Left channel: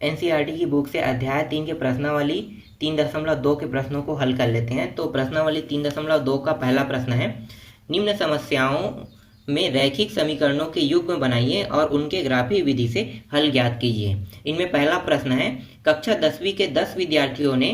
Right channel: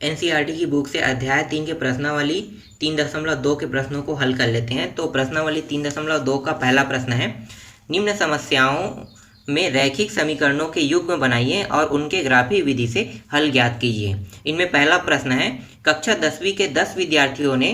NCERT की book से अध्याय 3 के प्रश्नावली 3.2 के प्रश्नों को हल कर लेते हैं। तो प्रश्नावली 3.2 का पहला प्रश्न है, निम्न समस्याओं में रैखिक समीकरणों के युग्म बनाइए और उनके ग्राफीय विधि से हल ज्ञात कीजिए। इनमें पहला प्रश्न है, कक्षा 10वीं के 10 विद्यार्थियों ने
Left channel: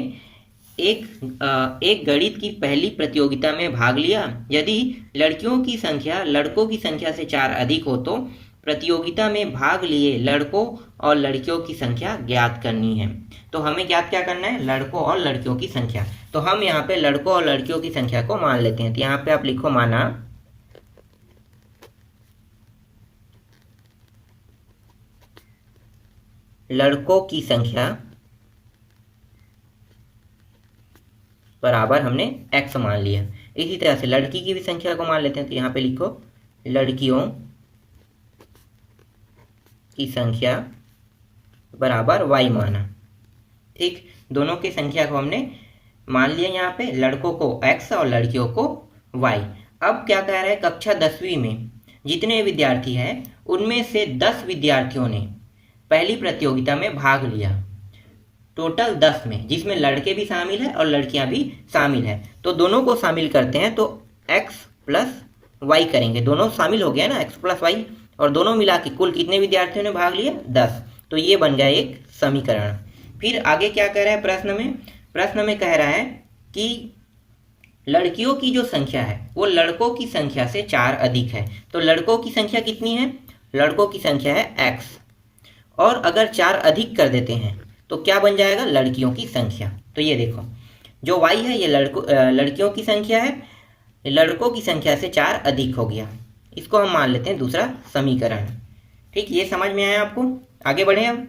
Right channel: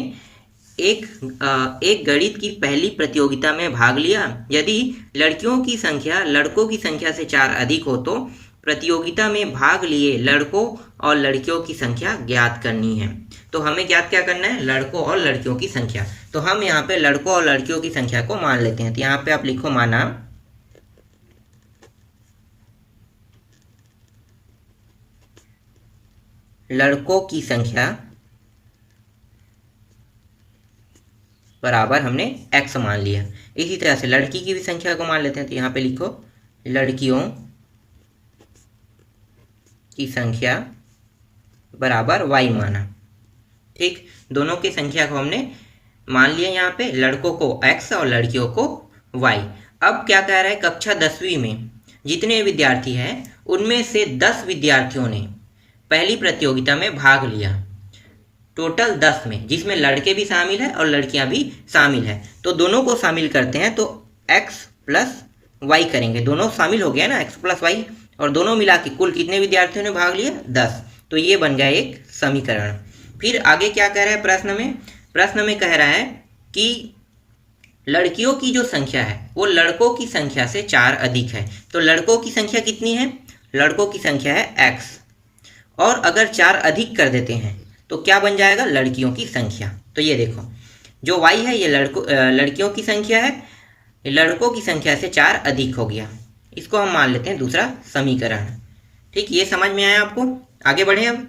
एक गणित की पहली प्रतियोगिता में भाग लिया। यदि लड़कियों की संख्या लड़कों की संख्या से 4 अधिक हो तो प्रतियोगिता में भाग लिए लड़कों और लड़कियों की संख्या ज्ञात करनी है। तो हमें ज्ञात क्या करना है? लड़कों और लड़कियों की संख्या। तो हम यहाँ पे लड़कों और लड़कियों की संख्या को मान लेते हैं। तो यहाँ पे आप लिखो माना लड़कों की संख्या बराबर हमने x मान लिया। इसी तरह से लड़की की भी संख्या को मान लेते हैं। तो यहाँ पे लिखो लड़कियों की संख्या बराबर y माना। ठीक, दोनों की संख्या को हमने मान लिया, यहाँ पे लड़कों को x और लड़कियों को y। अब क्या कह रहा है, कक्षा 10वीं में जितने विद्यार्थी हैं उनमें से 10 विद्यार्थियों ने पहली प्रतियोगिता में भाग लिया। टोटल 10 में, जिसमें लड़के भी शामिल है और लड़कियां भी शामिल है। तो दोनों को शामिल करते हैं तो x प्लस वाई करेंगे। दोनों शामिल हो गया ना, x प्लस वाई, और दोनों मिला के कुल कितने विद्यार्थियों ने भाग लिया? 10। तो ये बन गया एक समीकरण। फिर आगे क्या कह रहा है प्रश्न में कह रहा है कि लड़कियों की जो संख्या है वो लड़कों की संख्या से 4 अधिक है। तो लड़कों की संख्या कितनी है? लड़कों की संख्या है x, और अगर 4 अधिक कर देते हैं तो क्या बन जाएगा? लड़कियों की संख्या। तो ये देखो, जो y है ये लड़कियों की संख्या है, लड़कों की संख्या से 4 अधिक हो गया। इसको हम मान लेते हैं दूसरा समीकरण। ठीक, ये समझ में आया आपको? आगे बढ़े हम।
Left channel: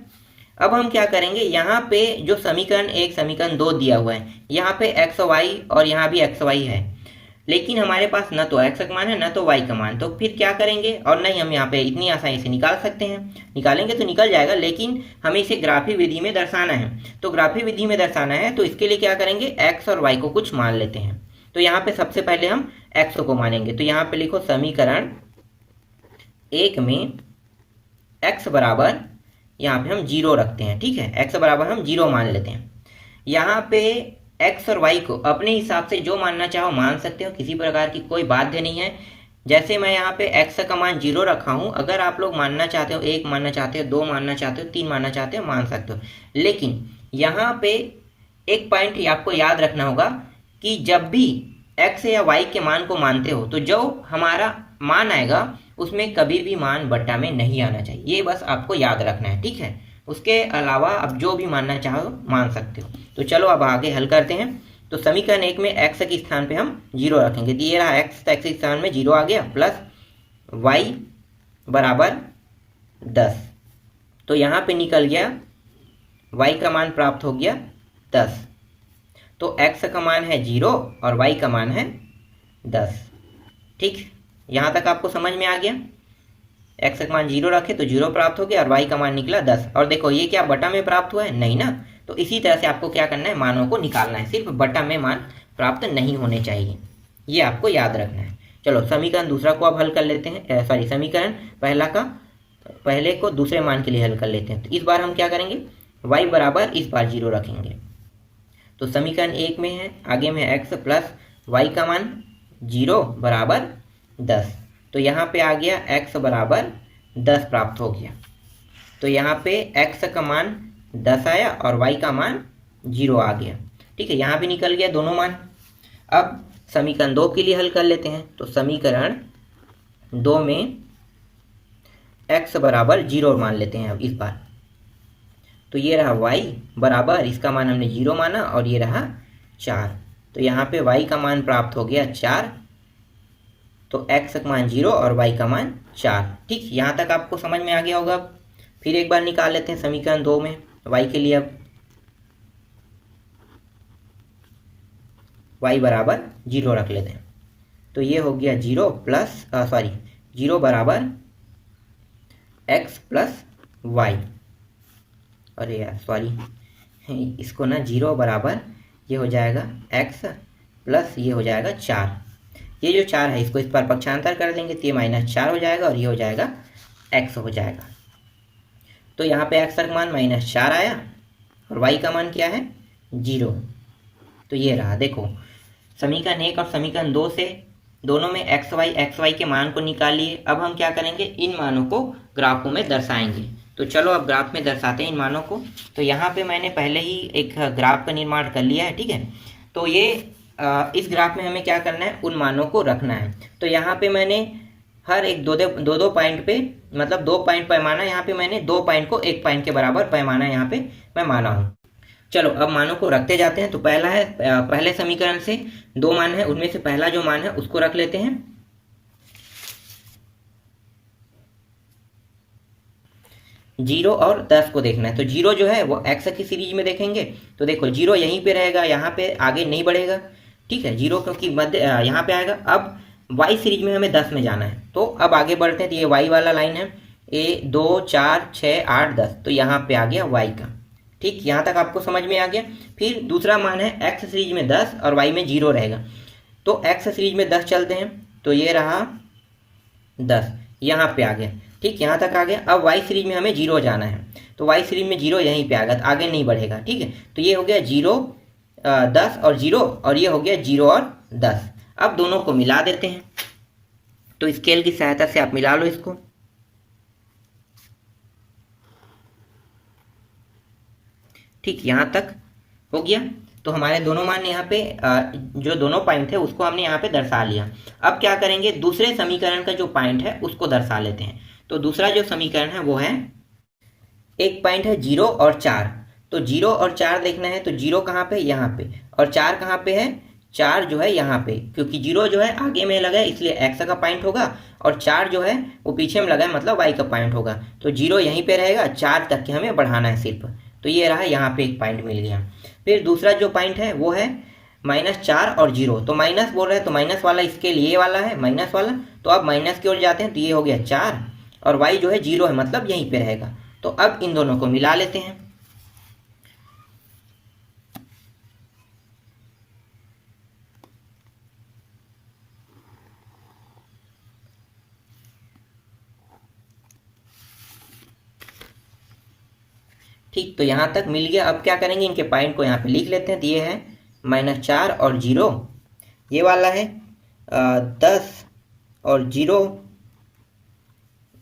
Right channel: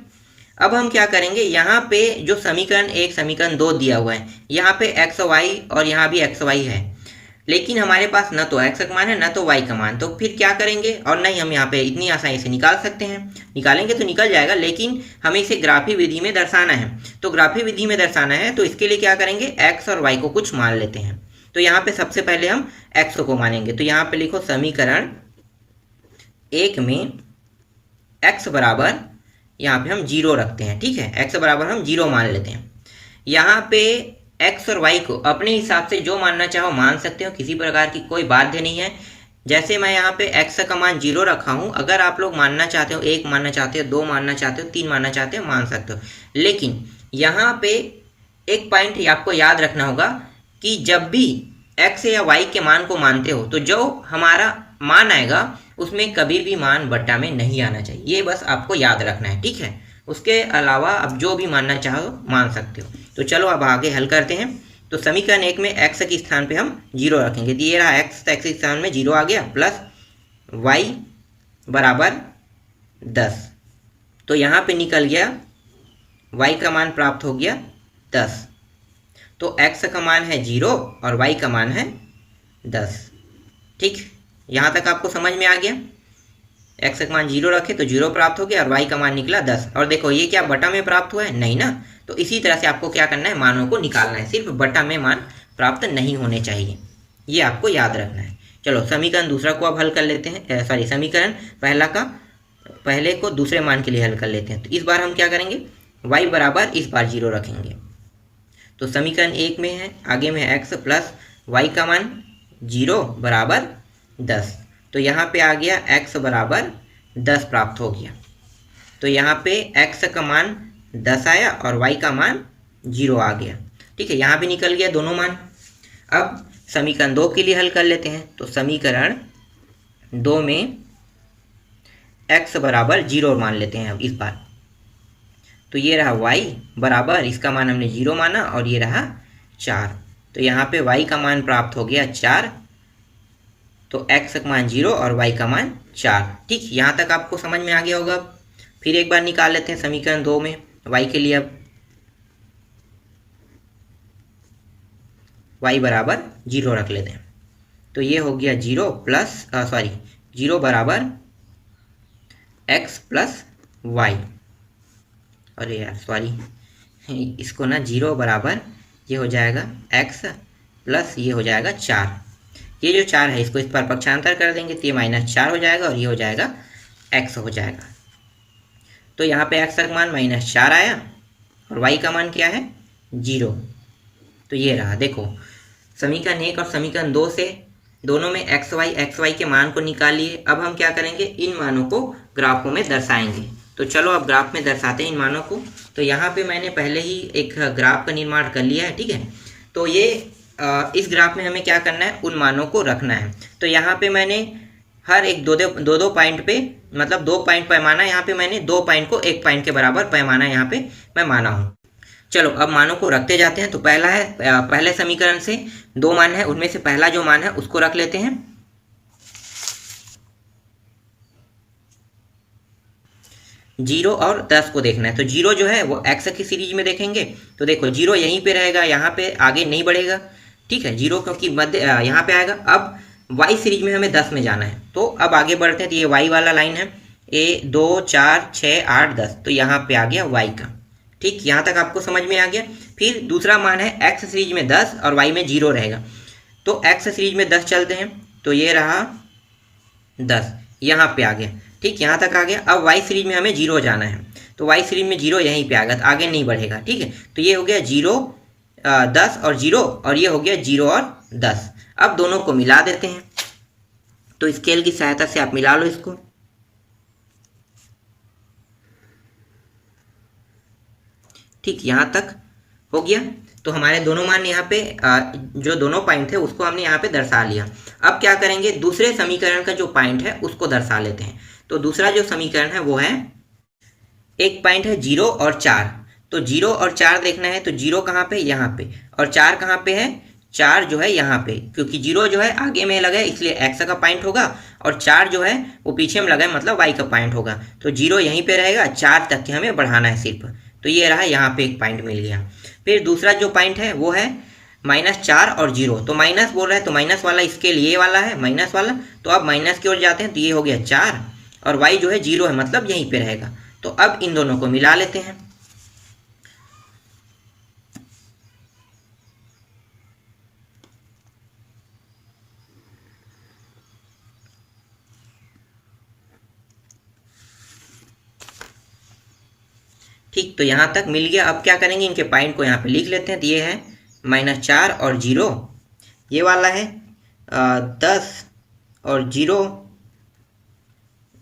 अब हम क्या करेंगे, यहाँ पे जो समीकरण 1 समीकरण 2 दिया हुआ है, यहाँ पे x y और यहाँ भी x y है, लेकिन हमारे पास न तो x का मान है न तो y का मान। तो फिर क्या करेंगे, और नहीं हम यहाँ पे इतनी आसानी से निकाल सकते हैं, निकालेंगे तो निकल जाएगा, लेकिन हमें इसे ग्राफी विधि में दर्शाना है। तो ग्राफी विधि में दर्शाना है तो इसके लिए क्या करेंगे, x और y को कुछ मान लेते हैं। तो यहाँ पे सबसे पहले हम x को मानेंगे। तो यहाँ पे लिखो समीकरण 1 में x बराबर, यहाँ पे हम 0 रखते हैं। ठीक है, x बराबर हम 0 मान लेते हैं। यहाँ पे x और y को अपने हिसाब से जो मानना चाहो मान सकते हो, किसी प्रकार की कोई बाध्य नहीं है। जैसे मैं यहाँ पे x का मान 0 रखा हूँ, अगर आप लोग मानना चाहते हो, 1 मानना चाहते हो, 2 मानना चाहते हो, 3 मानना चाहते हो, मान सकते हो। लेकिन यहाँ पे एक पॉइंट आपको याद रखना होगा कि जब भी x या y के मान को मानते हो तो जो हमारा मान आएगा उसमें कभी भी मान बट्टा में नहीं आना चाहिए। ये बस आपको याद रखना है। ठीक है, उसके अलावा आप जो भी मानना चाहो मान सकते हो। तो चलो अब आगे हल करते हैं। तो समीकरण 1 में x के स्थान पे हम 0 रखेंगे। तो ये रहा x, तो x के स्थान में 0 आ गया, प्लस y बराबर 10। तो यहाँ पे निकल गया y का मान प्राप्त हो गया 10। तो x का मान है 0 और y का मान है 10। ठीक, यहाँ तक आपको समझ में आ गया? x का मान 0 रखे तो 0 प्राप्त हो गया और y का मान निकला 10। और देखो ये क्या बटा में प्राप्त हुआ है? नहीं ना। तो इसी तरह से आपको क्या करना है, मानों को निकालना है, सिर्फ बटा में मान प्राप्त नहीं होने चाहिए, ये आपको याद रखना है। चलो समीकरण दूसरा को अब हल कर लेते हैं, समीकरण पहले को दूसरे मान के लिए हल कर लेते हैं। तो इस बार हम क्या करेंगे, y बराबर इस बार 0 रखेंगे। तो समीकरण 1 में है, आगे में x प्लस y का मान 0 बराबर 10। तो यहाँ पे आ गया x बराबर 10 प्राप्त हो गया। तो यहाँ पे x का मान 10 आया और y का मान 0 आ गया। ठीक है, यहाँ भी निकल गया दोनों मान। अब समीकरण 2 के लिए हल कर लेते हैं। तो समीकरण 2 में x बराबर 0 मान लेते हैं अब इस बार। तो ये रहा y बराबर, इसका मान हमने 0 माना, और ये रहा 4। तो यहाँ पे y का मान प्राप्त हो गया 4। तो x का मान 0 और y का मान 4। ठीक, यहाँ तक आपको समझ में आ गया होगा। फिर एक बार निकाल लेते हैं समीकरण 2 में y के लिए। अब y बराबर 0 रख लेते हैं। तो ये हो गया 0 बराबर x प्लस y। अरे यार सॉरी, इसको ना 0 बराबर ये हो जाएगा x प्लस ये हो जाएगा 4। ये जो 4 है इसको इस पर पक्षांतर कर देंगे तो ये -4 हो जाएगा और ये हो जाएगा x हो जाएगा। तो यहाँ पे x का मान -4 आया और y का मान क्या है 0। तो ये रहा, देखो समीकरण 1 और समीकरण 2 से दोनों में x y के मान को निकालिए। अब हम क्या करेंगे, इन मानों को ग्राफों में दर्शाएंगे। तो चलो अब ग्राफ में दर्शाते हैं इन मानों को। तो यहाँ पे मैंने पहले ही एक ग्राफ का निर्माण कर लिया है, ठीक है। तो ये इस ग्राफ में हमें क्या करना है, उन मानों को रखना है। तो यहाँ पे मैंने हर एक दो पॉइंट पे, मतलब 2 पॉइंट पैमाना, यहाँ पे मैंने 2 पॉइंट को 1 पॉइंट के बराबर पैमाना यहाँ पे मैं माना हूँ। चलो अब मानों को रखते जाते हैं। तो पहला है, पहले समीकरण से 2 मान है, उनमें से पहला जो मान है उसको रख लेते हैं। 0 और 10 को देखना है। तो 0 जो है वो x की सीरीज में देखेंगे। तो देखो 0 यहीं पे रहेगा, यहाँ पे आगे नहीं बढ़ेगा, ठीक है। 0 क्योंकि मध्य यहाँ पे आएगा। अब y सीरीज में हमें 10 में जाना है। तो अब आगे बढ़ते हैं। तो ये y वाला लाइन है, 1 2 4 6 8 10। तो यहाँ पे आ गया y का, ठीक। यहाँ तक आपको समझ में आ गया। फिर दूसरा मान है x सीरीज में 10 और y में 0 रहेगा। तो x सीरीज में 10 चलते हैं। तो ये रहा 10, यहाँ पे आ गया, ठीक, यहाँ तक आ गया। अब y सीरीज में हमें 0 जाना है। तो y सीरीज में 0 यहीं पे आ गया, तो आगे नहीं बढ़ेगा, ठीक है। तो ये हो गया 0 10 और 0, और ये हो गया 0 और 10। अब दोनों को मिला देते हैं। तो स्केल की सहायता से आप मिला लो इसको। ठीक, यहाँ तक हो गया। तो हमारे दोनों मान यहाँ पे जो दोनों पॉइंट थे उसको हमने यहाँ पे दर्शा लिया। अब क्या करेंगे, दूसरे समीकरण का जो पॉइंट है उसको दर्शा लेते हैं। तो दूसरा जो समीकरण है वो है, एक पॉइंट है 0 और 4। तो 0 और 4 देखना है। तो 0 कहाँ पे, यहाँ पे, और 4 कहाँ पे है, 4 जो है यहाँ पे। क्योंकि 0 जो है आगे में लगा है इसलिए x का पॉइंट होगा, और 4 जो है वो पीछे में लगा है मतलब y का पॉइंट होगा। तो 0 यहीं पे रहेगा, 4 तक के हमें बढ़ाना है सिर्फ। तो ये रहा, यहाँ पे एक पॉइंट मिल गया। फिर दूसरा जो पॉइंट है वो है -4 और 0। तो माइनस बोल रहा है, तो माइनस वाला इसके लिए वाला है, माइनस वाला। तो अब माइनस की ओर जाते हैं। तो ये हो गया 4, और y जो है 0 है मतलब यहीं पे रहेगा। तो अब इन दोनों को मिला लेते हैं। ठीक, तो यहाँ तक मिल गया। अब क्या करेंगे, इनके पॉइंट को यहाँ पे लिख लेते हैं। तो ये है -4 और 0, ये वाला है 10 और 0,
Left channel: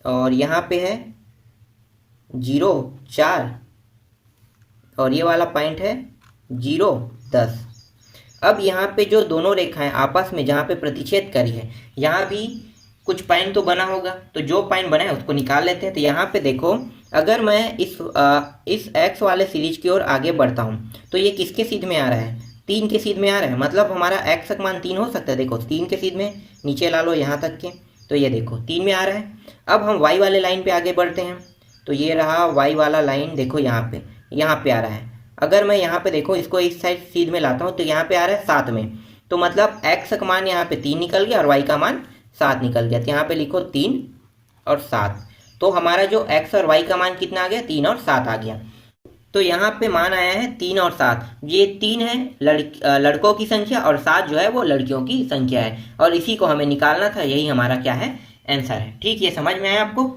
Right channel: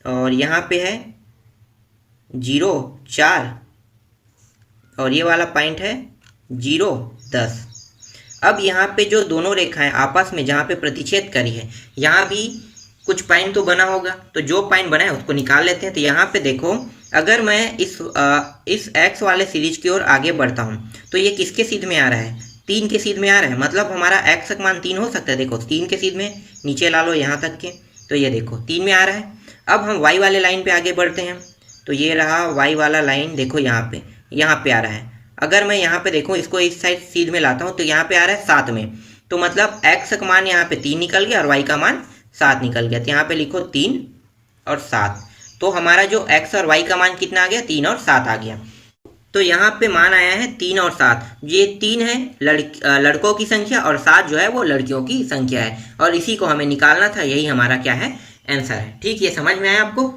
और यहाँ पे है 0 4, और ये वाला पॉइंट है 0 10। अब यहाँ पे जो दोनों रेखाएं आपस में जहाँ पे प्रतिच्छेद करी है, यहाँ भी कुछ पॉइंट तो बना होगा। तो जो पॉइंट बना है उसको निकाल लेते हैं। तो यहाँ पे देखो, अगर मैं इस x वाले सीरीज की ओर आगे बढ़ता हूँ तो ये किसके सीध में आ रहा है, 3 के सीध में आ रहा है। मतलब हमारा x का मान 3 हो सकता है। देखो 3 के सीध में, नीचे ला लो यहाँ तक के। तो ये देखो 3 में आ रहा है। अब हम y वाले लाइन पे आगे बढ़ते हैं। तो ये रहा y वाला लाइन, देखो यहाँ पे आ रहा है। अगर मैं यहाँ पे देखूँ, इसको इस साइड सीध में लाता हूँ तो यहाँ पे आ रहा है 7 में। तो मतलब x का मान यहाँ पे 3 निकल गया और y का मान 7 निकल गया। तो यहाँ पे लिखो 3 और 7। तो हमारा जो x और y का मान कितना आ गया, 3 और 7 आ गया। तो यहाँ पे मान आया है 3 और 7। ये 3 है लड़कों की संख्या, और 7 जो है वो लड़कियों की संख्या है, और इसी को हमें निकालना था। यही हमारा क्या है, आंसर है। ठीक, ये समझ में आया आपको।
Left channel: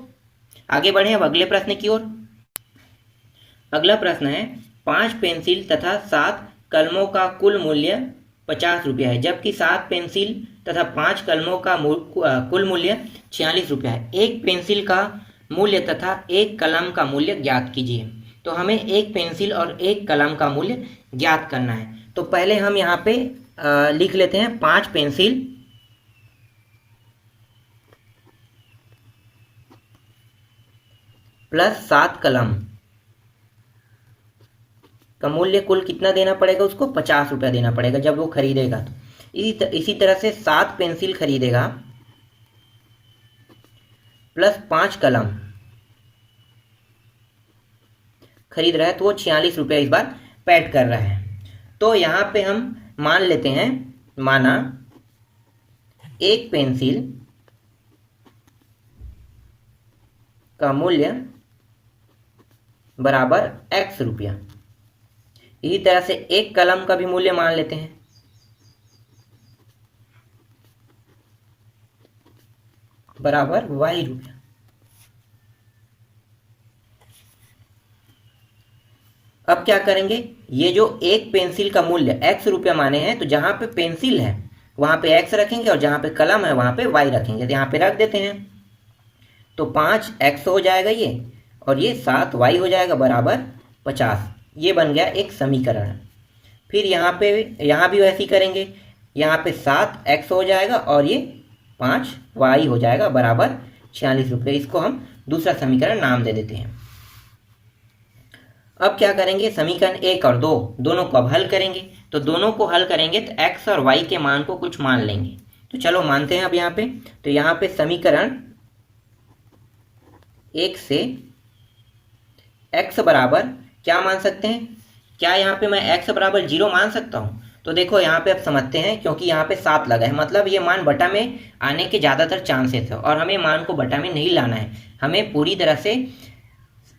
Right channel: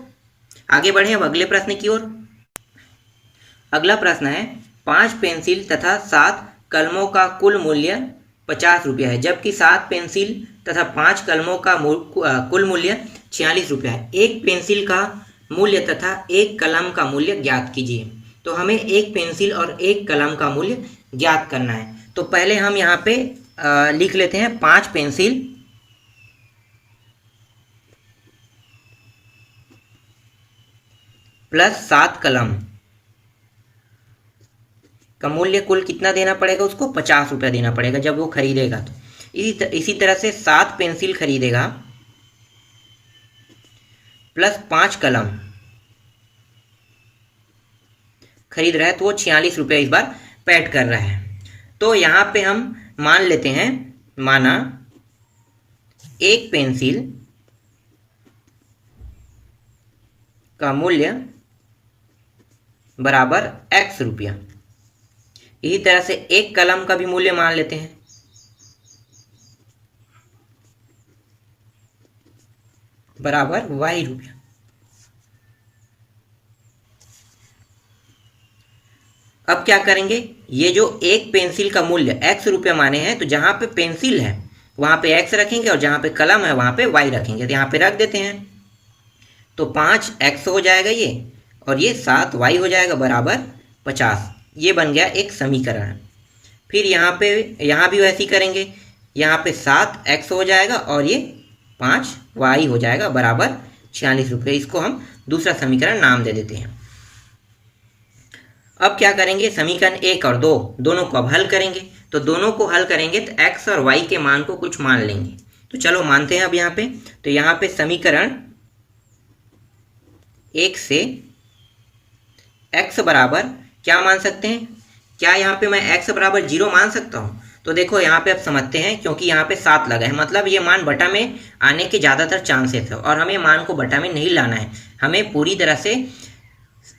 आगे बढ़े अब अगले प्रश्न की ओर। अगला प्रश्न है, 5 पेंसिल तथा 7 कलमों का कुल मूल्य 50 रुपया है, जबकि 7 पेंसिल तथा 5 कलमों का कुल मूल्य 46 रुपया है। एक पेंसिल का मूल्य तथा एक कलम का मूल्य ज्ञात कीजिए। तो हमें एक पेंसिल और एक कलम का मूल्य ज्ञात करना है। तो पहले हम यहाँ पे लिख लेते हैं 5 पेंसिल प्लस 7 कलम का मूल्य कुल कितना देना पड़ेगा, उसको 50 रुपया देना पड़ेगा जब वो खरीदेगा। तो इसी तरह से 7 पेंसिल खरीदेगा प्लस 5 कलम खरीद रहा है, तो वो 46 रुपया इस बार पेड कर रहा है। तो यहाँ पे हम मान लेते हैं, माना एक पेंसिल का मूल्य बराबर x रुपया। इसी तरह से एक कलम का भी मूल्य मान लेते हैं, बराबर y रुपया। अब क्या करेंगे, ये जो एक पेंसिल का मूल्य x रुपया माने हैं, तो जहाँ पे पेंसिल है वहाँ पे x रखेंगे और जहाँ पे कलम है वहाँ पे y रखेंगे। तो यहाँ पे रख देते हैं, तो 5x हो जाएगा ये, और ये 7y हो जाएगा बराबर 50। ये बन गया एक समीकरण। फिर यहाँ भी वैसे ही करेंगे, यहाँ पे 7x हो जाएगा और ये 5y हो जाएगा बराबर 46 रुपये। इसको हम दूसरा समीकरण नाम दे देते हैं। अब क्या करेंगे, समीकरण 1 और 2 दोनों को अब हल करेंगे। तो दोनों को हल करेंगे तो x और y के मान को कुछ मान लेंगे। तो चलो मानते हैं अब यहाँ पे। तो यहाँ पे समीकरण 1 से x बराबर क्या मान सकते हैं, क्या यहाँ पे मैं x बराबर 0 मान सकता हूँ? तो देखो यहाँ पे अब समझते हैं, क्योंकि यहाँ पे 7 लगा है, मतलब ये मान बटा में आने के ज़्यादातर चांसेस है, और हमें मान को बटा में नहीं लाना है, हमें पूरी तरह से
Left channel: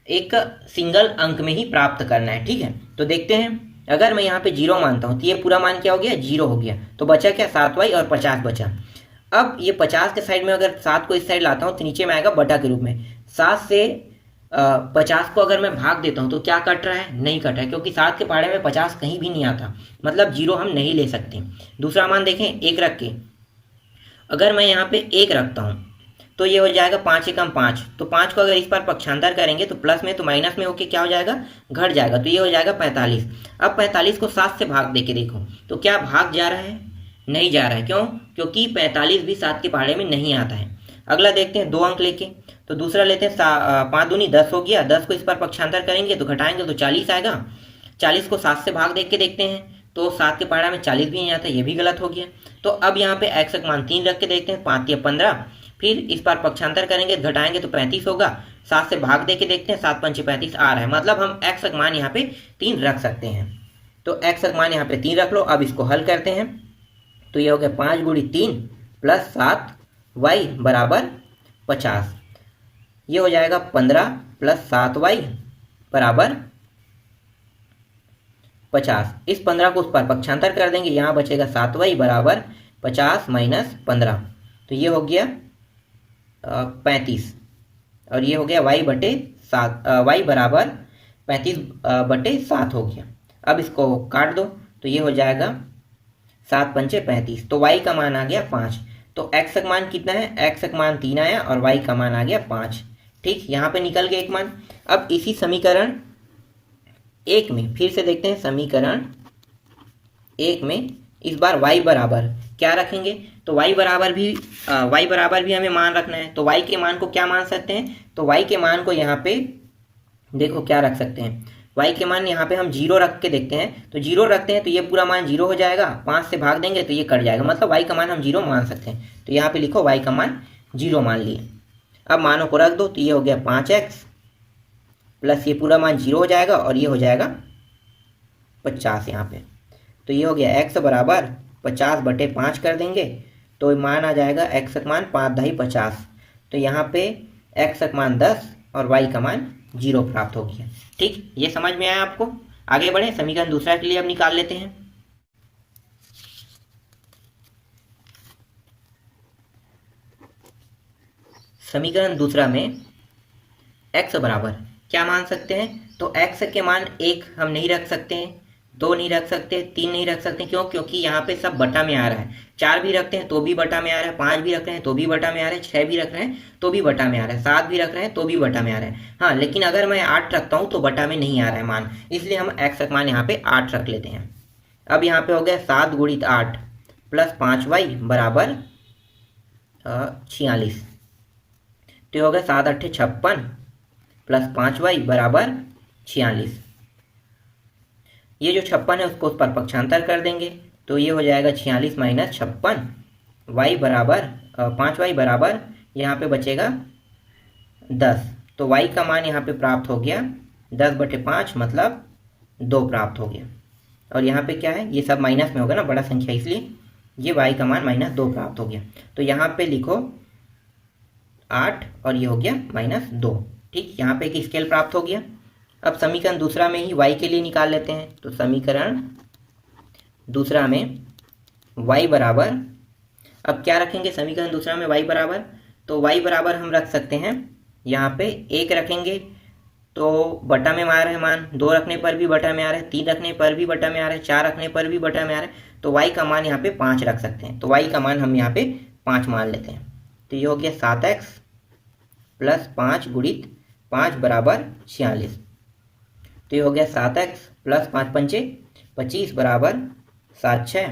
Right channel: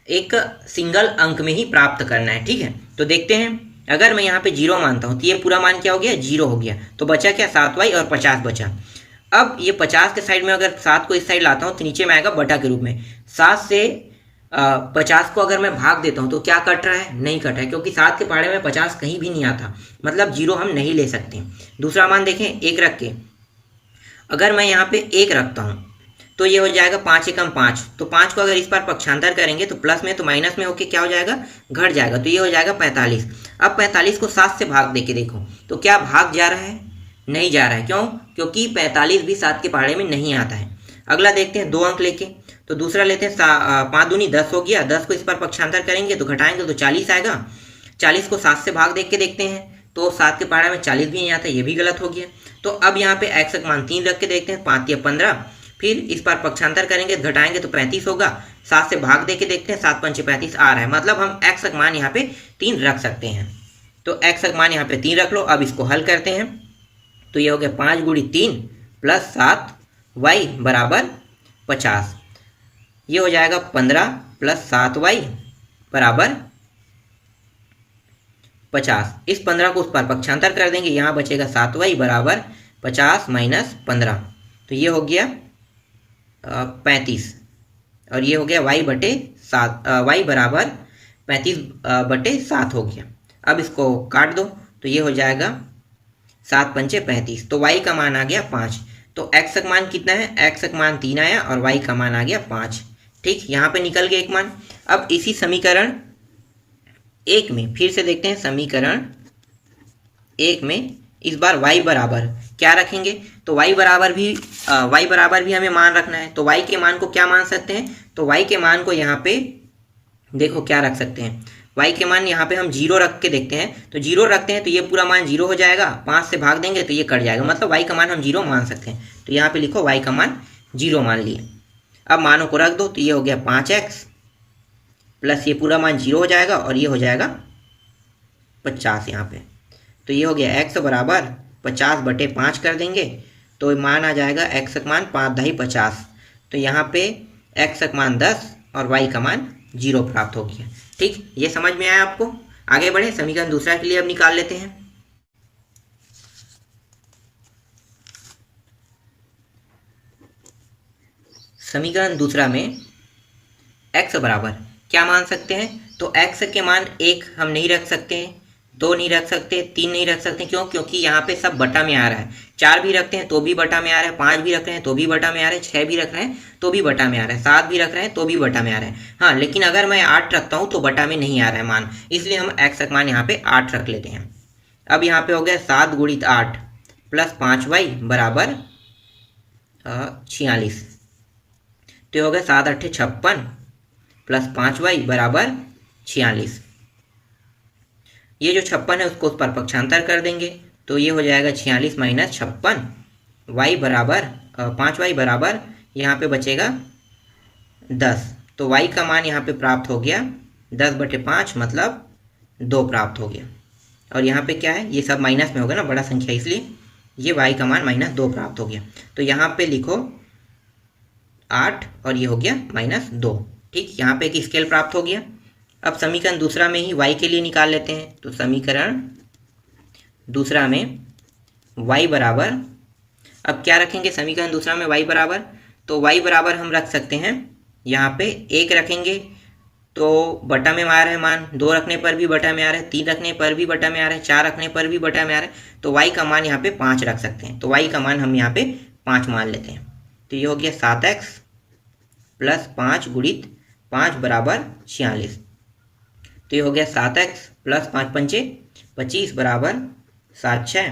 एक सिंगल अंक में ही प्राप्त करना है। ठीक है, तो देखते हैं, अगर मैं यहाँ पे 0 मानता हूँ तो ये पूरा मान क्या हो गया, 0 हो गया। तो बचा क्या, 7y और 50 बचा। अब ये 50 के साइड में अगर 7 को इस साइड लाता हूँ तो नीचे में आएगा बटा के रूप में। 7 से 50 को अगर मैं भाग देता हूँ तो क्या कट रहा है, नहीं कट रहा है, क्योंकि 7 के पहाड़े में 50 कहीं भी नहीं आता, मतलब 0 हम नहीं ले सकते। दूसरा मान देखें, 1 रख के अगर मैं यहाँ पे 1 रखता हूँ तो ये हो जाएगा 5 एकम 5। तो 5 को अगर इस बार पक्षांतर करेंगे तो प्लस में तो माइनस में होके क्या हो जाएगा, घट जाएगा। तो ये हो जाएगा 45। अब 45 को 7 से भाग दे के देखो तो क्या भाग जा रहा है, नहीं जा रहा है। क्यों, क्योंकि 45 भी 7 के पहाड़े में नहीं आता है। अगला देखते हैं 2 अंक लेके, तो दूसरा लेते हैं 5 दूनी 10 हो गया। 10 को इस पर पक्षांतर करेंगे तो घटाएंगे तो 40 आएगा। 40 को 7 से भाग दे के देखते हैं तो 7 के पहाड़े में 40 भी नहीं आता, ये भी गलत हो गया। तो अब यहाँ पे x का मान 3 रख के देखते हैं, 5 या 15। फिर इस पर पक्षांतर करेंगे तो घटाएंगे तो 35 होगा। 7 से भाग दे के देखते हैं, 7 पंचे 35 आ रहा है, मतलब हम x का मान यहाँ पे 3 रख सकते हैं। तो x का मान यहाँ पे 3 रख लो। अब इसको हल करते हैं, तो ये हो गया 5 गुणी 3 प्लस 7y बराबर 50। ये हो जाएगा 15 प्लस 7y बराबर 50। इस 15 को उस पर पक्षांतर कर देंगे, यहाँ बचेगा 7y बराबर 50 माइनस 15। तो ये हो गया 35, और ये हो गया y बटे 7, y बराबर 35 बटे 7 हो गया। अब इसको काट दो तो ये हो जाएगा 7 पंचे 35। तो y का मान आ गया 5। तो x का मान कितना है, x का मान 3 आया और y का मान आ गया 5। ठीक, यहाँ पे निकल गया एक मान। अब इसी समीकरण 1 में फिर से देखते हैं, समीकरण 1 में इस बार y बराबर क्या रखेंगे, तो y बराबर भी हमें मान रखना है। तो y के मान को क्या मान सकते हैं, तो y के मान को यहाँ पे देखो क्या रख सकते हैं, y के मान यहाँ पे हम 0 रख के देखते हैं। तो 0 रखते हैं तो ये पूरा मान 0 हो जाएगा, 5 से भाग देंगे तो ये कट जाएगा, मतलब y का मान हम 0 मान सकते हैं। तो यहाँ पे लिखो y का मान 0 मान लिए। अब मानों को रख दो, तो ये हो गया 5x प्लस ये पूरा मान 0 हो जाएगा और ये हो जाएगा 50 यहाँ पे। तो ये हो गया x बराबर 50 बटे 5 कर देंगे तो मान आ जाएगा x का मान 5 दही 50। तो यहाँ पे x का मान 10 और y का मान 0 प्राप्त हो गया। ठीक, ये समझ में आया आपको। आगे बढ़े, समीकरण दूसरा के लिए अब निकाल लेते हैं। समीकरण दूसरा में x बराबर क्या मान सकते हैं, तो x के मान 1 हम नहीं रख सकते हैं, 2 नहीं रख सकते, 3 नहीं रख सकते। क्यों, क्योंकि यहाँ पे सब बटा में आ रहा है। 4 भी रखते हैं तो भी बटा में आ रहा है, 5 भी रख रहे हैं तो भी बटा में आ रहा है, 6 भी रख रहे हैं तो भी बटा में आ रहा है, 7 भी रख रहे हैं तो भी बटा में आ रहा है। हाँ, लेकिन अगर मैं 8 रखता हूँ तो बटा में नहीं आ रहा है मान, इसलिए हम x का मान यहाँ पे 8 रख लेते हैं। अब यहाँ पे हो गया 7 गुणित 8 प्लस 5y बराबर 46। तो ये हो गया 7 8 56 प्लस 5y बराबर 46। ये जो 56 है उसको उस पर पक्षांतर कर देंगे तो ये हो जाएगा 46 माइनस 56, y बराबर 5y बराबर यहाँ पे बचेगा 10। तो y का मान यहाँ पे प्राप्त हो गया 10 बटे 5 मतलब 2 प्राप्त हो गया। और यहाँ पे क्या है, ये सब माइनस में होगा ना, बड़ा संख्या, इसलिए ये y का मान -2 प्राप्त हो गया। तो यहाँ पे लिखो 8 और ये हो गया -2। ठीक, यहाँ पे एक स्केल प्राप्त हो गया। अब समीकरण दूसरा में ही y के लिए निकाल लेते हैं। तो समीकरण दूसरा में y बराबर, अब क्या रखेंगे समीकरण दूसरा में y बराबर, तो y बराबर हम रख सकते हैं यहाँ पे 1 रखेंगे तो बटा में आ रहा है मान, 2 रखने पर भी बटा में आ रहा है, 3 रखने पर भी बटा में आ रहा है, 4 रखने पर भी बटा में आ रहा है, तो y का मान यहाँ पे 5 रख सकते हैं। तो y का मान हम यहाँ पे 5 मान लेते हैं। तो ये हो गया 7x प्लस 5 गुणित 5 बराबर 46। तो ये हो गया 7x प्लस 5 पंचे 25 बराबर 7 6।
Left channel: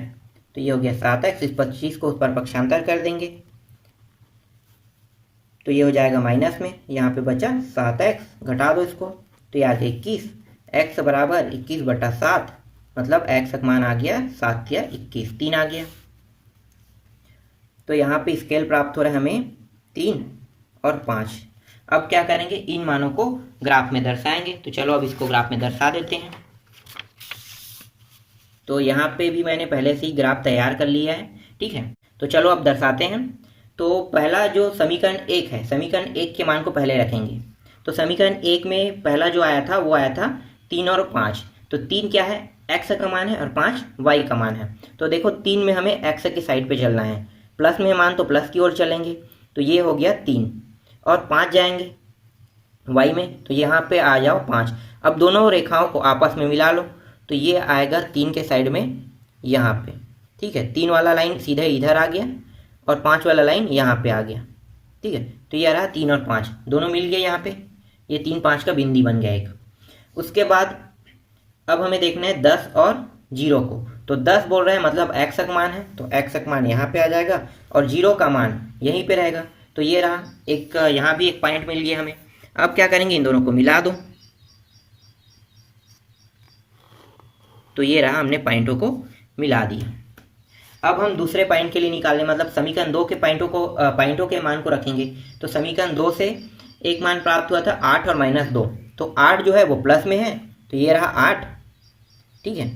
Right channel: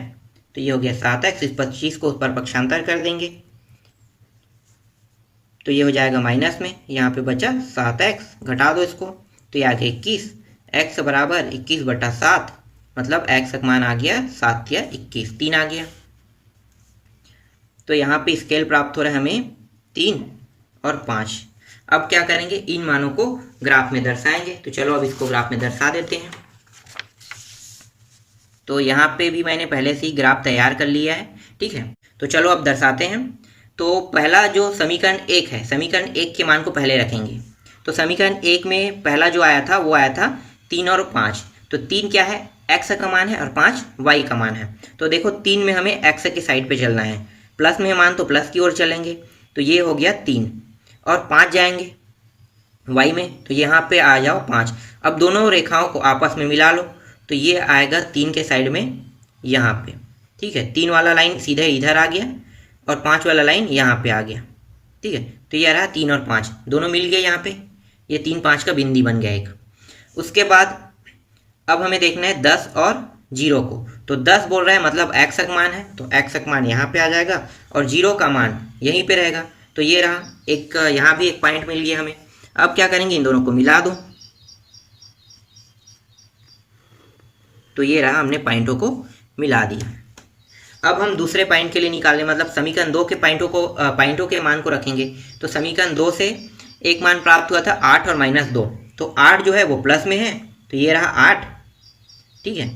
तो ये हो गया 7x, इस 25 को उस पर पक्षांतर कर देंगे तो ये हो जाएगा माइनस में, यहाँ पे बचा 7x, घटा दो इसको तो ये आ गया 21। x बराबर 21/7, मतलब x का मान आ गया 7 या 21, 3 आ गया। तो यहाँ पे स्केल प्राप्त हो रहा है हमें 3 और 5। अब क्या करेंगे, इन मानों को ग्राफ में दर्शाएंगे। तो चलो अब इसको ग्राफ में दर्शा देते हैं। तो यहाँ पे भी मैंने पहले से ही ग्राफ तैयार कर लिया है, ठीक है। तो चलो अब दर्शाते हैं। तो पहला जो समीकरण 1 है, समीकरण 1 के मान को पहले रखेंगे। तो समीकरण 1 में पहला जो आया था वो आया था 3 और 5। तो 3 क्या है, x का मान है और 5 y का मान है। तो देखो 3 में हमें x की साइड पे चलना है, प्लस में मान तो प्लस की ओर चलेंगे। तो ये हो गया 3 और 5 जाएंगे y में, तो यहाँ पे आ जाओ 5। अब दोनों रेखाओं को आपस में मिला लो तो ये आएगा 3 के साइड में यहाँ पे, ठीक है। 3 वाला लाइन सीधे इधर आ गया और 5 वाला लाइन यहाँ पे आ गया, ठीक है। तो ये रहा 3 और 5 दोनों मिल गए यहाँ पे, ये 3 5 का बिंदी बन गया एक। उसके बाद अब हमें देखना है 10 और 0 को। तो 10 बोल रहा है मतलब x का मान है, तो x का मान यहाँ पे आ जाएगा और 0 का मान यहीं पे रहेगा। तो ये रहा एक, यहाँ भी एक पॉइंट मिल गया हमें। अब क्या करेंगे, इन दोनों को मिला दो। तो ये रहा, हमने पॉइंटों को मिला दिया। अब हम दूसरे पॉइंट के लिए निकालें, मतलब समीकरण 2 के पॉइंटों के मान को रखेंगे। तो समीकरण 2 से एक मान प्राप्त हुआ था 8 और -2। तो 8 जो है वो प्लस में है, तो ये रहा 8, ठीक है,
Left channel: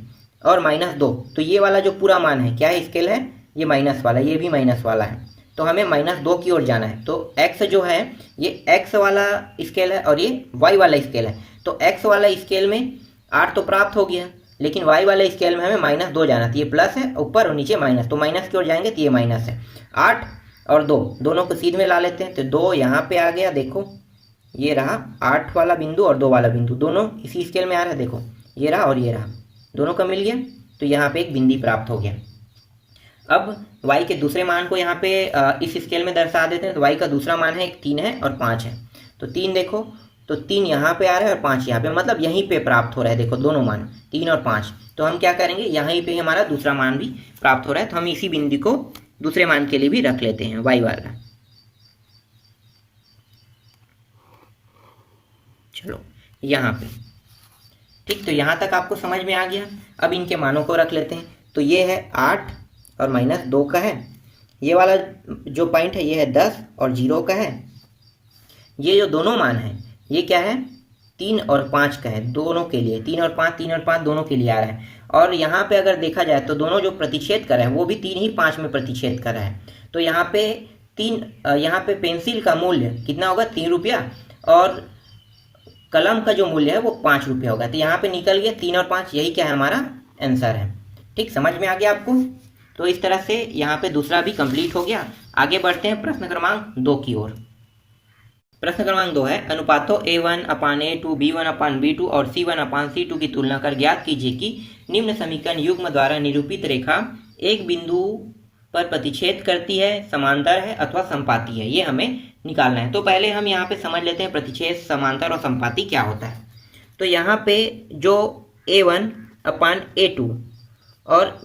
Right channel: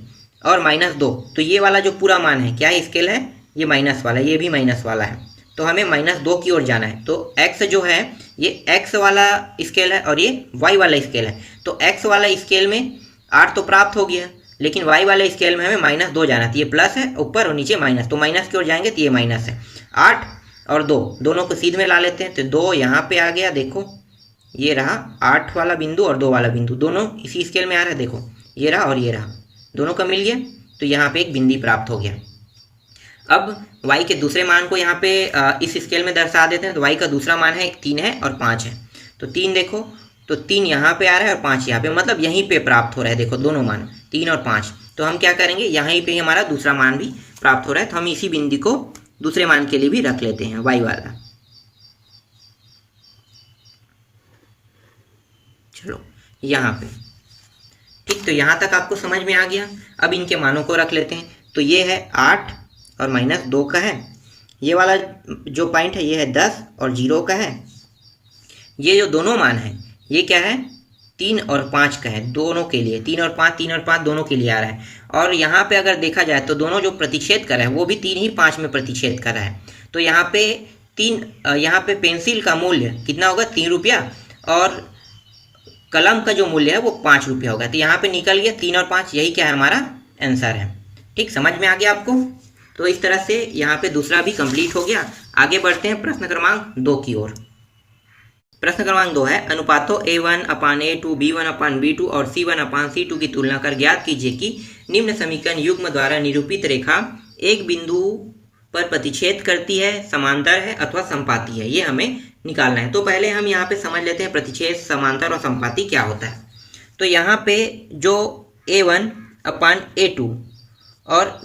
और -2। तो ये वाला जो पूरा मान है क्या है, स्केल है, ये माइनस वाला, ये भी माइनस वाला है। तो हमें -2 की ओर जाना है। तो x जो है ये x वाला स्केल है और ये y वाला स्केल है। तो x वाला स्केल में 8 तो प्राप्त हो गया, लेकिन y वाले स्केल में हमें -2 जाना था। ये प्लस है ऊपर और नीचे माइनस, तो माइनस की ओर जाएंगे तो ये माइनस है। 8 और 2 दोनों को सीध में ला लेते हैं। तो 2 यहाँ पे आ गया, देखो ये रहा 8 वाला बिंदु और 2 वाला बिंदु, दोनों इसी स्केल में आ रहा है। देखो ये रहा और ये रहा, दोनों का मिल गया, तो यहाँ पे एक बिंदी प्राप्त हो गया। अब y के दूसरे मान को यहाँ पे इस स्केल में दर्शा देते हैं। तो y का दूसरा मान है 3 है और 5 है। तो 3 देखो, तो 3 यहाँ पे आ रहा है और 5 यहाँ पे, मतलब यहीं पे प्राप्त हो रहा है। देखो दोनों मान 3 और 5। तो हम क्या करेंगे, यहीं पे हमारा दूसरा मान भी प्राप्त हो रहा है। तो हम इसी बिंदु को दूसरे मान के लिए भी रख लेते हैं, y वाला। चलो यहाँ पे, ठीक। तो यहाँ तक आपको समझ में आ गया। अब इनके मानों को रख लेते हैं। तो ये है 8 और -2 का है। ये वाला जो पॉइंट है ये है 10 और 0 का है। ये जो दोनों मान है ये क्या है, 3 और 5 का है, दोनों के लिए 3 और 5 दोनों के लिए आ रहा है। और यहाँ पे अगर देखा जाए तो दोनों जो प्रतिच्छेद कर रहा है वो भी 3 ही 5 में प्रतिच्छेद कर रहा है। तो यहाँ पे 3, यहाँ पे पेंसिल का मूल्य कितना होगा, 3 रुपया, और कलम का जो मूल्य है वो 5 रुपया होगा। तो यहाँ पे निकल गया 3 और 5, यही क्या है, हमारा आंसर है। ठीक, समझ में आ गया आपको। तो इस तरह से यहाँ पे दूसरा भी कंप्लीट हो गया। आगे बढ़ते हैं प्रश्न क्रमांक 2 की ओर। प्रश्न क्रमांक 2 है, अनुपातों A1/A2, B1/B2 और C1/C2 की तुलना कर ज्ञात कीजिए कि निम्न समीकरण युग्म द्वारा निरूपित रेखा एक बिंदु पर प्रतिच्छेद करती है, समांतर है अथवा संपाती है। ये हमें निकालना है। तो पहले हम यहाँ पे समझ लेते हैं प्रतिच्छेद, समांतर और संपाती क्या होता है। तो यहाँ पे जो A1/A2 और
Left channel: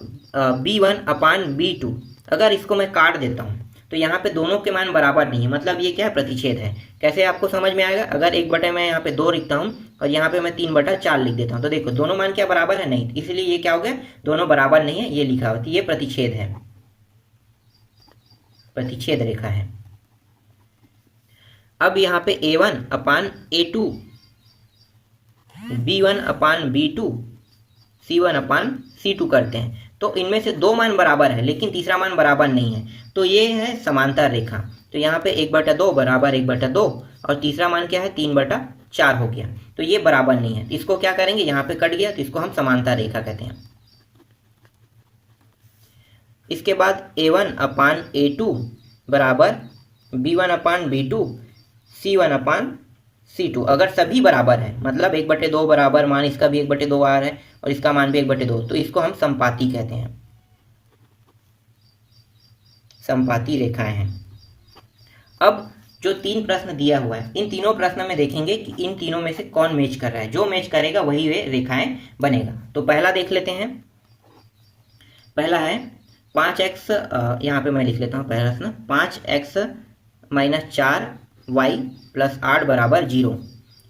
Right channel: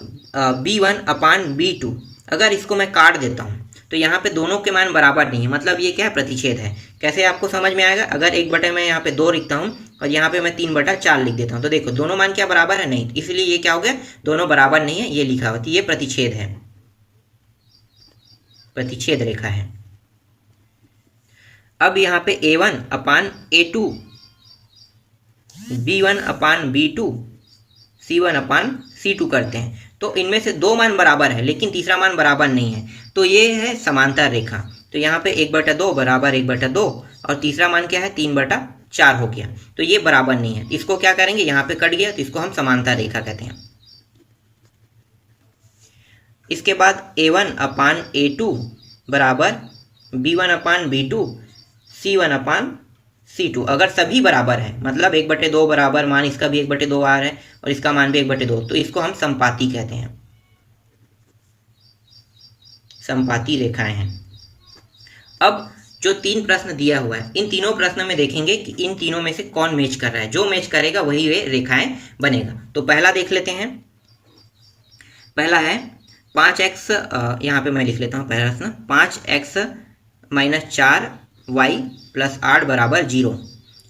B1/B2, अगर इसको मैं काट देता हूँ तो यहाँ पे दोनों के मान बराबर नहीं है, मतलब ये क्या है, प्रतिच्छेद है। कैसे आपको समझ में आएगा, अगर 1/, मैं यहाँ पे 2 लिखता हूँ और यहाँ पे मैं 3/4 लिख देता हूँ, तो देखो दोनों मान क्या बराबर है, नहीं, इसलिए ये क्या हो गया, दोनों बराबर नहीं है, ये लिखा होती है, ये प्रतिच्छेद है, प्रतिच्छेद रेखा है। अब यहाँ पे A1/A2, B1/B2, C1/C2 करते हैं, तो इनमें से 2 मान बराबर है लेकिन तीसरा मान बराबर नहीं है, तो ये है समांतर रेखा। तो यहाँ पे 1/2 बराबर 1/2 और तीसरा मान क्या है, 3/4 हो गया, तो ये बराबर नहीं है। इसको क्या करेंगे, यहाँ पे कट गया तो इसको हम समांतर रेखा कहते हैं। इसके बाद A1/A2 बराबर B1/B2, C2 अगर सभी बराबर है, मतलब 1/2 बराबर, मान इसका भी 1/2 आ रहा है और इसका मान भी 1/2, तो इसको हम समपाती कहते हैं, समपाती रेखाएं हैं। अब जो 3 प्रश्न दिया हुआ है, इन तीनों प्रश्नों में देखेंगे कि इन तीनों में से कौन मैच कर रहा है, जो मैच करेगा वही वे रेखाएं बनेगा। तो पहला देख लेते हैं। पहला है 5x, यहाँ पे मैं लिख लेता हूँ पहला प्रश्न, 5x - 4y + 8 = 0।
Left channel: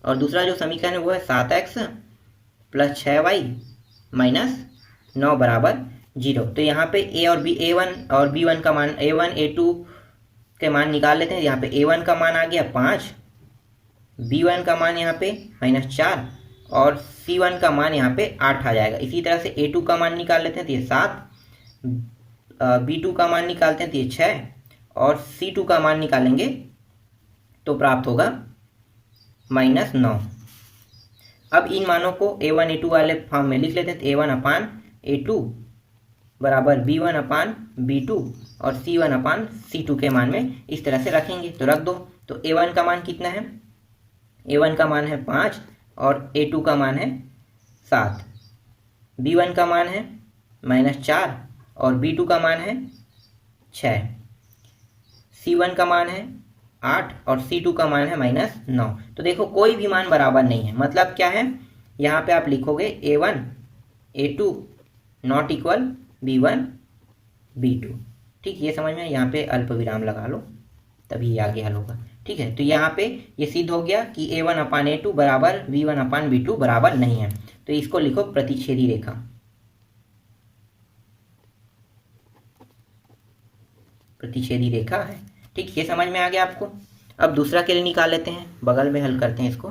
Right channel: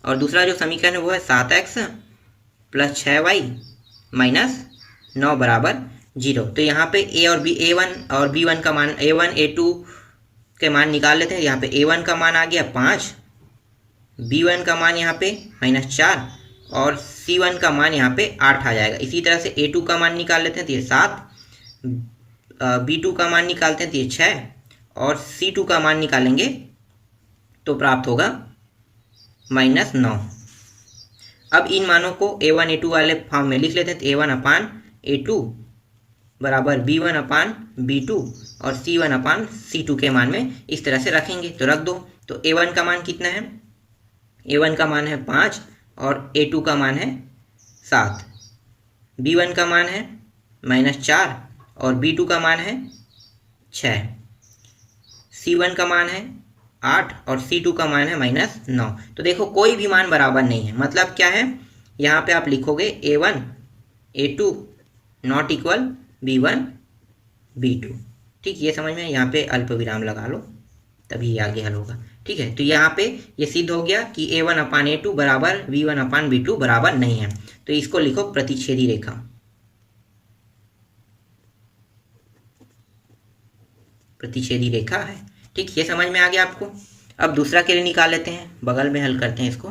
और दूसरा जो समीकरण है वो है 7x + 6y - 9 = 0। तो यहाँ पे A1 और B1 का मान, A1 A2 के मान निकाल लेते हैं। यहाँ पे A1 का मान आ गया 5, B1 का मान यहाँ पे -4 और C1 का मान यहाँ पे 8 आ जाएगा। इसी तरह से A2 का मान निकाल लेते हैं तो ये 7, B2 का मान निकालते हैं तो ये 6 और C2 का मान निकालेंगे तो प्राप्त होगा -9। अब इन मानों को A1 A2 वाले फॉर्म में लिख लेते हैं। तो A1/A2 बराबर B1/B2 और C1/C2 के मान में इस तरह से रखेंगे, तो रख दो। तो A1 का मान कितना है? A1 का मान है 5 और A2 का मान है 7। B1 का मान है -4 और B2 का मान है 6। C1 का मान है 8 और C2 का मान है -9। तो देखो कोई भी मान बराबर नहीं है, मतलब क्या है, यहाँ पे आप लिखोगे A1 A2 not equal B1 B2। ठीक, ये समझ में, यहाँ पे अल्प विराम लगा लो तभी आगे हल होगा। ठीक है, तो यहाँ पे ये सिद्ध हो गया कि A1/A2 बराबर B1/B2 बराबर नहीं है। तो इसको लिखो प्रतिच्छेदी रेखा, प्रतिच्छेदी रेखा है। ठीक, ये समझ में आ गया आपको। अब दूसरा के लिए निकाल लेते हैं, बगल में हल करते हैं इसको।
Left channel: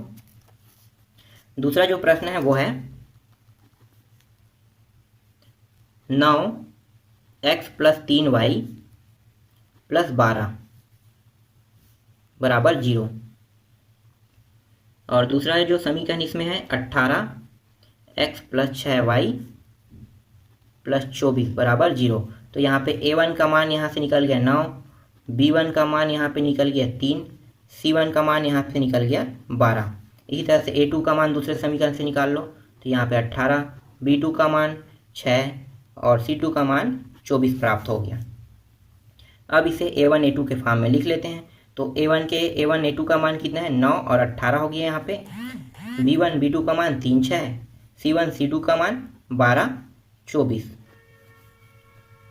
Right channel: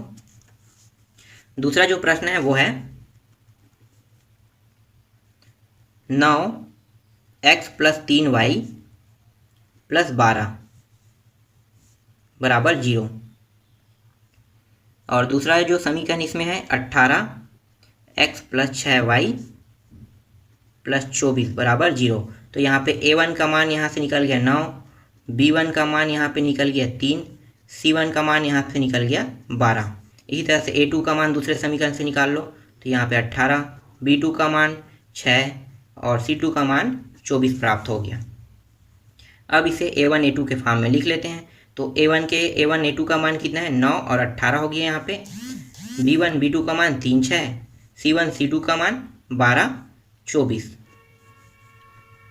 दूसरा जो प्रश्न है वो है 9x + 3y + 12 = 0। और दूसरा जो समीकरण इसमें है 18x + 6y + 24 = 0। तो यहाँ पे A1 का मान यहाँ से निकल गया 9, B1 का मान यहाँ पे निकल गया 3, C1 का मान यहाँ से निकल गया 12। इसी तरह से A2 का मान दूसरे समीकरण से निकाल लो। तो यहाँ पे 18, B2 का मान 6 और C2 का मान 24 प्राप्त हो गया। अब इसे A1 A2 के फॉर्म में लिख लेते हैं। तो A1 A2 का मान कितना है? 9 और 18 हो गया यहाँ पे। B1 B2 का मान 3 6, C1 C2 का मान 12 24।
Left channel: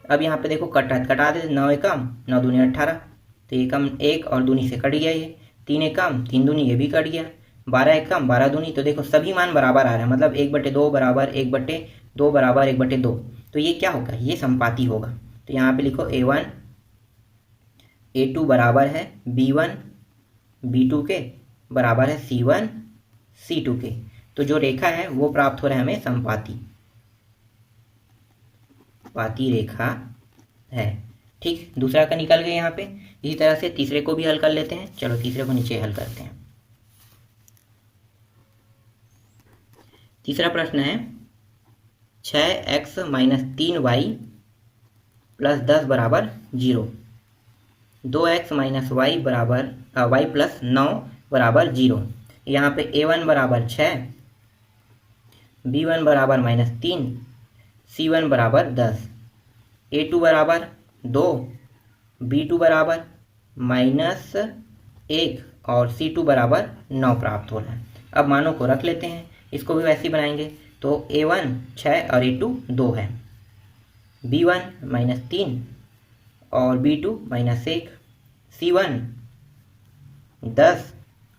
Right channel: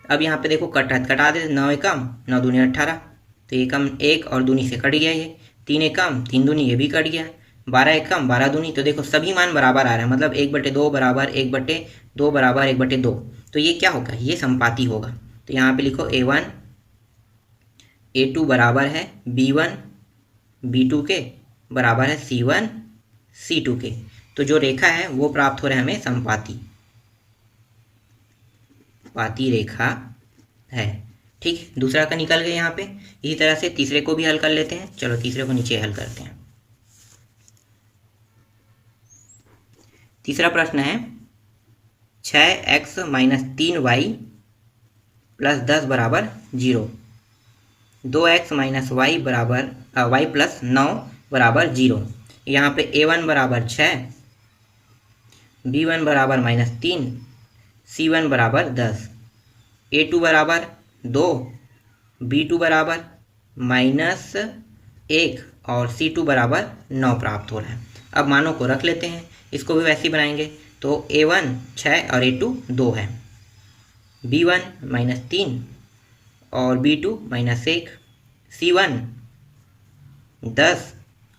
अब यहाँ पे देखो कटा दे, 9 एकम 9 दूनी 18, तो एकम 1 और दूनी से कट गया ये, 3 एकम 3 दूनी ये भी कट गया, 12 एकम 12 दूनी। तो देखो सभी मान बराबर आ रहे हैं, मतलब 1/2 बराबर 1/2 बराबर 1/2। तो ये क्या होगा? ये संपाती होगा। तो यहाँ पे लिखो A1 A2 बराबर है B1 B2 के, बराबर है C1 C2 के। तो जो रेखा है वो प्राप्त हो रहा है हमें संपाती, पाती रेखा है। ठीक, दूसरा का निकल गया यहाँ पे। इसी तरह से तीसरे को भी हल कर लेते हैं। चलो तीसरे को नीचे हल करते हैं। तीसरा प्रश्न है 6x - 3y + 10 = 0, 2x - y + 9 = 0। यहाँ पे A1 बराबर 6, B1 बराबर -3, C1 बराबर 10, A2 बराबर 2, B2 बराबर -1 और C2 बराबर 9 प्राप्त हो रहा है। अब मानों को रख लेते हैं, इसको भी वैसे ही बनाएंगे। तो A1 6 और A2 2 है, B1 -3 और B2 -1, C1 10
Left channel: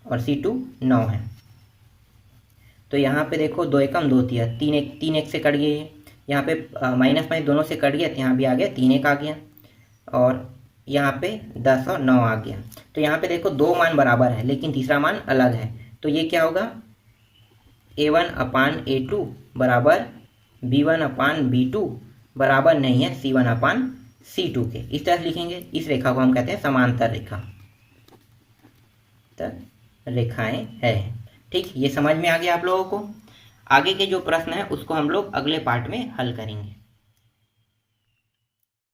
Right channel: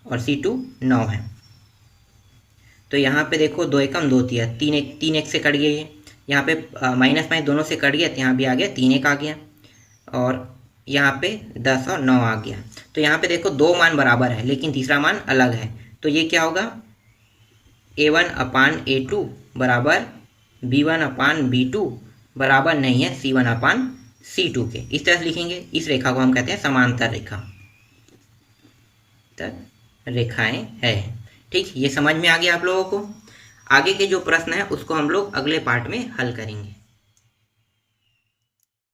और C2 9 है। तो यहाँ पे देखो 2 एकम 2 तिया, 3 एक से कट गया ये, यहाँ पे माइनस दोनों से कट गया, तो यहाँ भी आ गया 3 एक आ गया और यहाँ पे 10 और 9 आ गया। तो यहाँ पे देखो 2 मान बराबर है लेकिन तीसरा मान अलग है। तो ये क्या होगा? A1/A2 बराबर B1/B2 बराबर नहीं है C1/C2 के। इस तरह से लिखेंगे। इस रेखा को हम कहते हैं समांतर रेखा, रेखाएं है। ठीक, ये समझ में आ गया आप लोगों को। आगे के जो प्रश्न है उसको हम लोग अगले पार्ट में हल करेंगे।